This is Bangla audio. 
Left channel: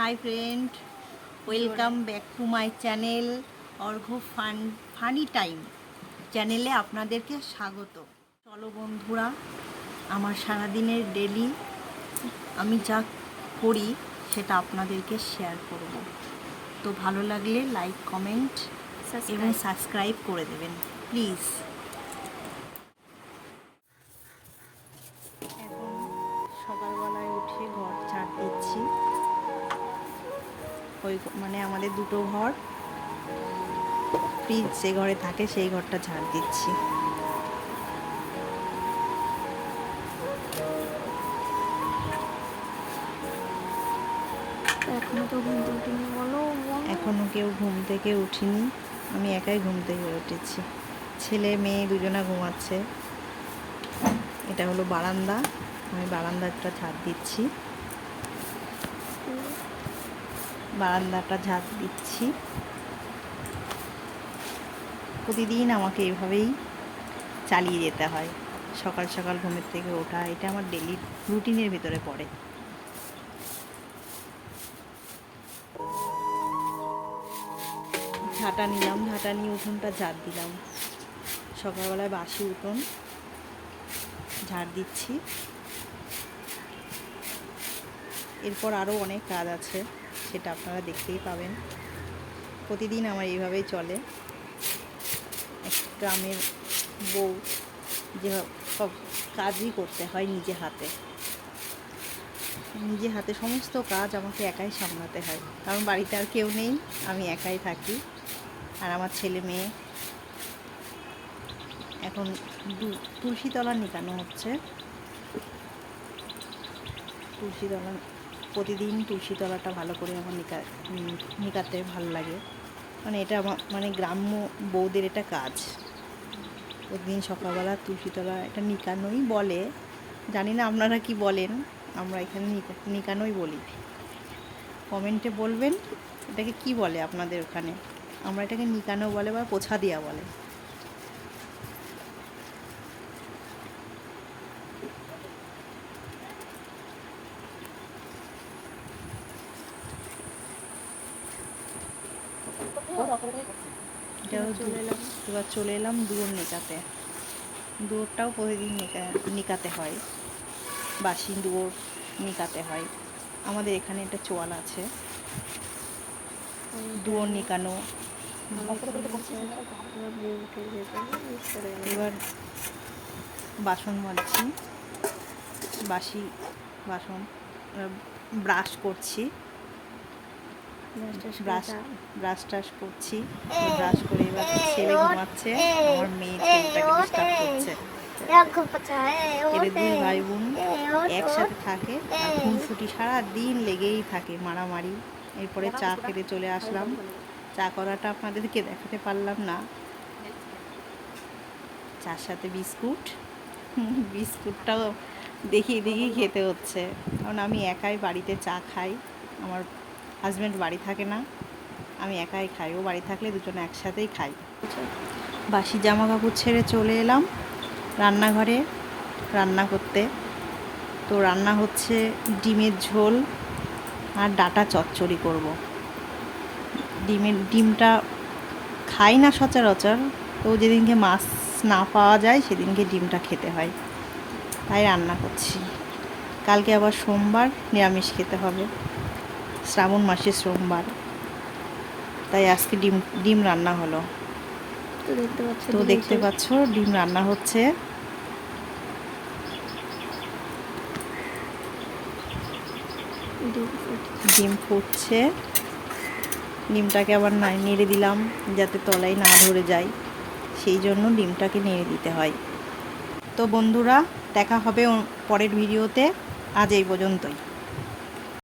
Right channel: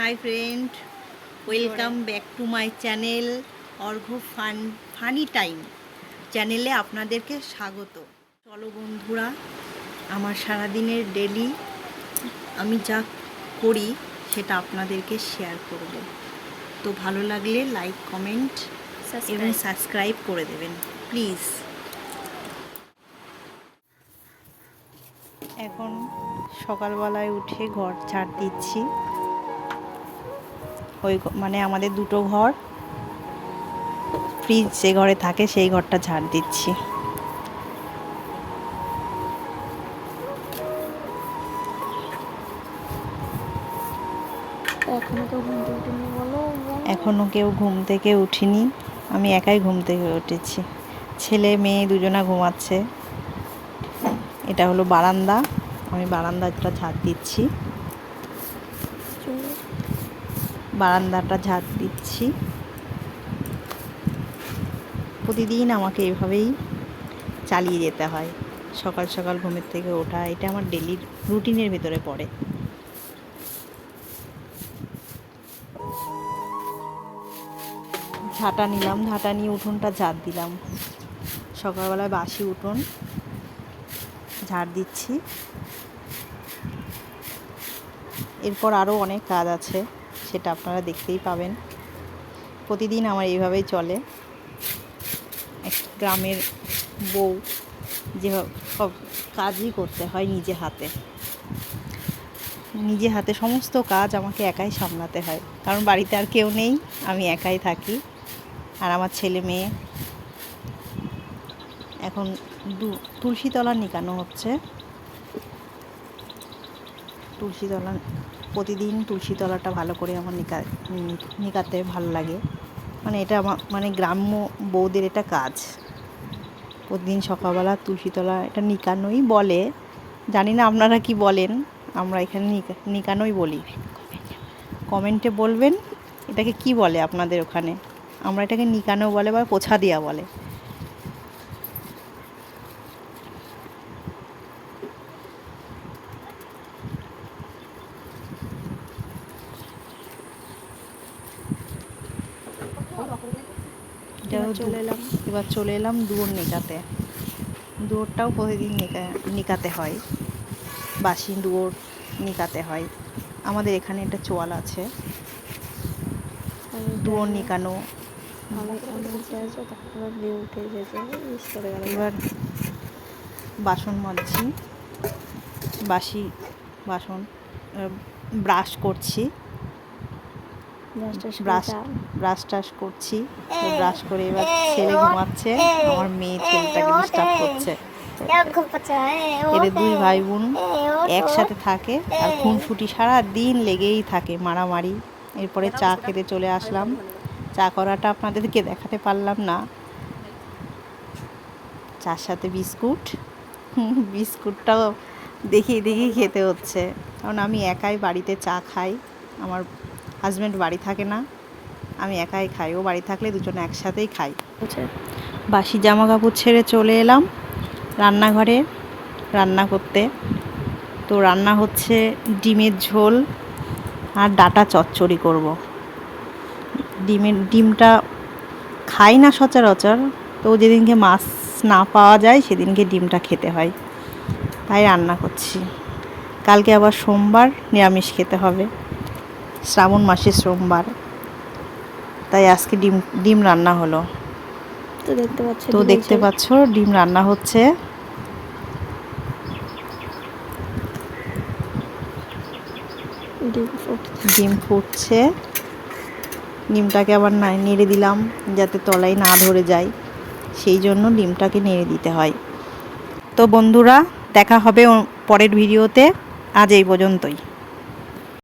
Hi friend, welcome back to my channel Argha funny time চ্যানেলে আপনাদেরকে স্বাগত। চলো বন্ধুরা, আমার সারাদিনের ডেলি আমি যা করি সেটা আপনাদেরকে শেয়ার করব। তো ভালো লাগলে লাইক, কমেন্ট এবং সাবস্ক্রাইব করে দেবেন প্লিজ। এখন সকালবেলায় উঠে ঘর ঝাড় দিচ্ছি। ওই মানে আমাদের দুটো ঘর, ফ্রিজ যে ঘরে থাকে সেই ঘরটা ঝাড় দিচ্ছি। এখনো কেউ ঘুম থেকে উঠিনি, আমি একাই ঘুম থেকে উঠেছি। ছেলে মেয়ে দুজনা ঘুমাচ্ছে। এটা হলো বারান্দা, আমি বারান্দাটা ঝাড় দিচ্ছি। প্রতিদিন আমাকে এভাবেই চালিয়ে যেতে হয়। সকাল সকাল ঘুমের থেকে ওঠা, এটা আমার ডেলি রুটিনের ভিতরে পড়ে। ঝাঁটা নিলাম, ঝাঁটা নিয়ে উঠোনটা ঝাড় দিলাম। সকালবেলায় বাসি উঠোন ঝাড় দিচ্ছি। এরপর আরও অনেক কাজ আছে, সেটা আপনারা দেখতেই পাবেন। প্রতিদিন আমার এইভাবেই চলে। এক গ্রামের বউ যেভাবে সব কাজই করতে হয় নিজে হাতে সমস্ত কাজ আমাকে একাই সামলাতে হয়, কারণ বাড়িতে আর কেউ নেই, আমি একাই থাকি আর আমার ছেলে মেয়ে। এখন তুলসী তলা নিকানো হচ্ছে। প্রতিদিন তুলসী তলাটা ভালো করে আমার নিকাতে ভালো লাগে। মানে এটা আমার গ্রাম্য বউদের এটা কাজ। প্রতিদিন সকালবেলা তুলসী তলা এটা নিকানোই বলে, জানি না আপনারা কি বলেন। আমরা এখানে নিকানোই বলি। কমেন্টে বলবেন এটাকে কি বলে আপনাদের ওখানে। আমরা এটাকে নিকানো বলে বা পোছা দেওয়া বলে। এবার চলে এলাম দুয়োর নিকাতে। দুয়োরটাও প্রতিদিন নিকাতে হয়, বাসি দুয়োর নিকাতে হয়। আমাদের এখানে একটা চোয়াল আছে, দুয়োর নিকানো। এবার বাসন মাজছি, বাসি বাসন ব্রাশ করছি, ব্রাশ টাশ করছি। ব্রাশ করে এবার ছেলে ঘুমাচ্ছে, আমার মেয়ে ছেলেটাকে ডিস্টার্ব করছে। এদের দুই ভাই বোন একসাথে থাকে আর খুনসুটি সারা দিন লেগেই থাকে, মারামারি। এরপরে চা খেতে চলে আসলাম। চা করাটা আপনাদেরকে দেখাতে পারলাম না। চার সাথে বিস্কুটটাও দেখিয়ে খেতে হচ্ছে, কারণ আমি একাই বাড়িতে চা খাই। আমার হাজব্যান্ড বাড়ি থাকে না, আমি একাই খাই। ও বাড়ি থাকলে দুজনে একসাথেই খাই। বাসি জামা কাপড় ছেড়ে চলে এলাম রান্নাঘরে রান্না করতে। তো রান্না হচ্ছে ডিমের ঝোল আর ডাঁটা চচ্চড়ি করব। ডিমটা খাই না সচরাচর, তো যেদিনকে মাছ না পাওয়া যায় সেদিনকে ডিমটা খেতে হয়, তাই রান্না করছি। কালকে আবার সোমবার, নিরামিষ খেতে হবে, শ্রাবণ মাসের সোমবার, তাই আজকে ডিম রান্না হলো। তো দেখতে পাচ্ছ ডিম রান্না হচ্ছে। ডিম ফুটছে। ডিমটাকে আবার নেড়ে দিলাম যাতে তলায় না ধরে যায়, সেই জন্য ডিমটাকে নেড়ে দিতে হয়। তো বন্ধুরা, দেখা হবে পরের ভিডিওতে। আজ এই পর্যন্তই।